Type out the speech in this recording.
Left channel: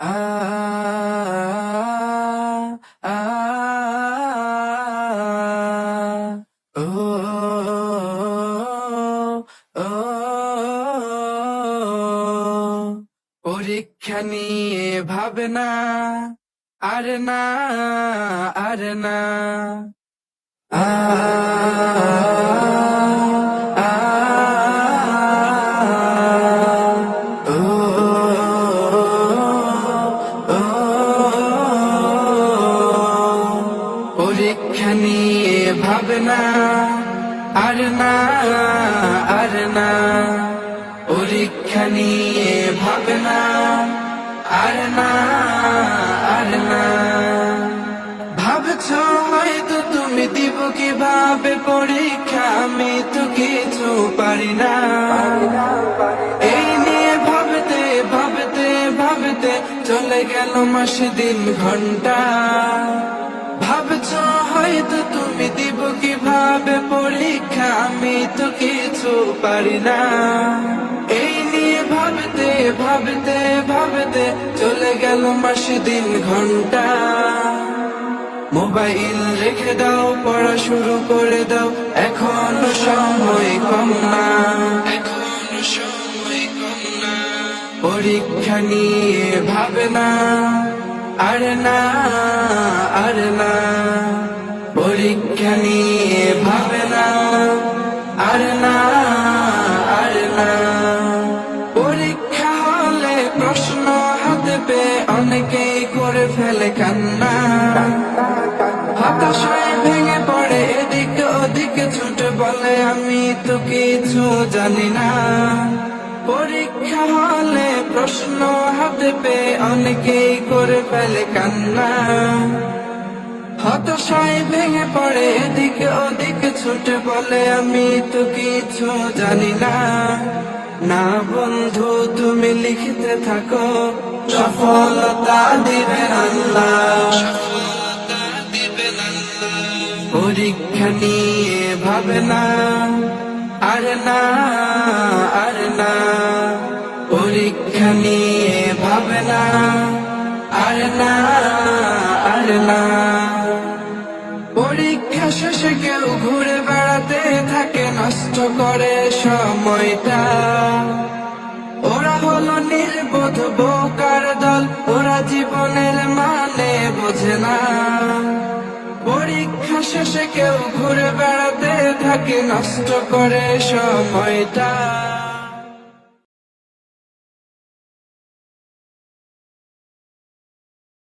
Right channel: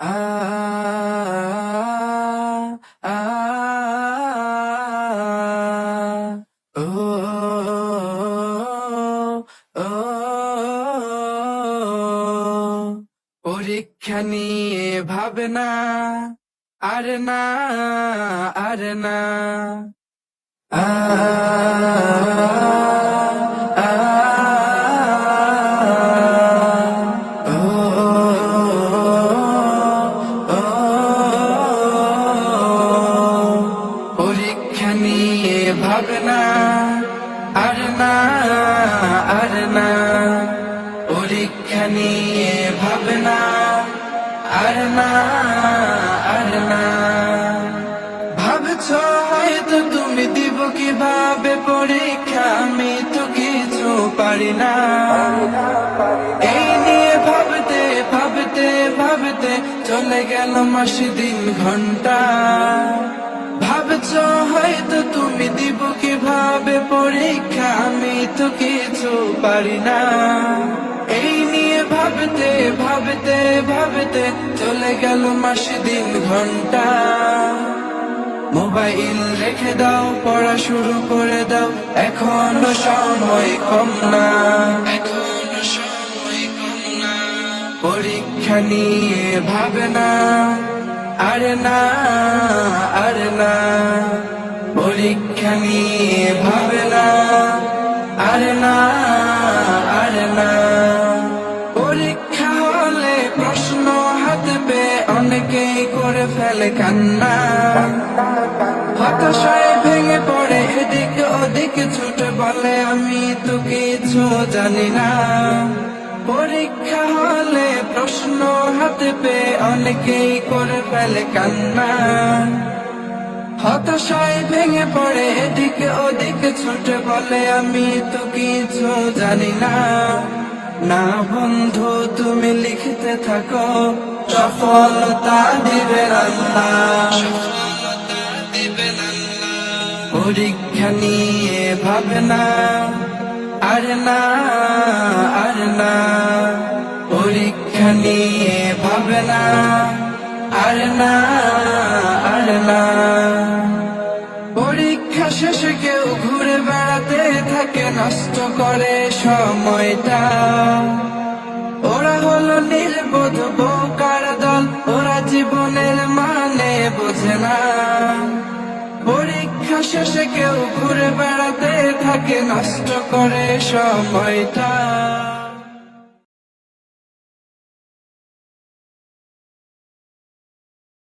আ আ ও ও পরীক্ষা নিয়ে ভাবনা আর না আর না আ আ পরীক্ষা নিয়ে ভাবনা আর না আর না পরীক্ষা নিয়ে ভাবনা আর না আর না ভাবছো হয়তো তুমি দিব কিভাবে পরীক্ষা আমি তো কিছু পারি না এই নিয়ে ভাবতে ভাবতে ভাবতে চলে গেল মাস দিন ঘন্টা ভাবছো হয়তো তুমি দিব কিভাবে পরীক্ষা আমি তো কিছু পারি না এই নিয়ে ভাবতে ভাবতে ভাবতে চলে গেল মাস দিন ঘন্টা মোবাইল রেখে দাও পড়া শুরু করে দাও এখনো সময় কম না এখনো সময় কম না পরীক্ষা নিয়ে ভাবনা আর না আর না পরীক্ষা নিয়ে ভাবনা আর না আর না পরীক্ষা হলে প্রশ্ন হাতে পেয়ে অনেকেই করে ফেলে কান্না হতাশায় ভেঙে পড়ে এদিকে ওদিকে ছুটে বলে আমি তো কিছু জানি না পরীক্ষা হলে প্রশ্ন হাতে পেয়ে অনেকেই করে ফেলে কান্না হতাশায় ভেঙে পড়ে এদিকে ওদিকে ছুটে বলে আমি তো কিছু জানি না না বন্ধু তুমি লিখতে থাকো সফলতা দিবেন আল্লাহ পরীক্ষা নিয়ে ভাবনা আর না আর না পরীক্ষা নিয়ে ভাবনা আর না আর না পরীক্ষা শেষে কেউ ঘুরে বেড়াতে থাকে নষ্ট করে সময়টা ওরা হলো নির্বোধ বোকার দল ওরা জীবনের মানে বোঝে না পরীক্ষা শেষে কেউ ঘুরে বেড়াতে থাকে নষ্ট করে সময়টা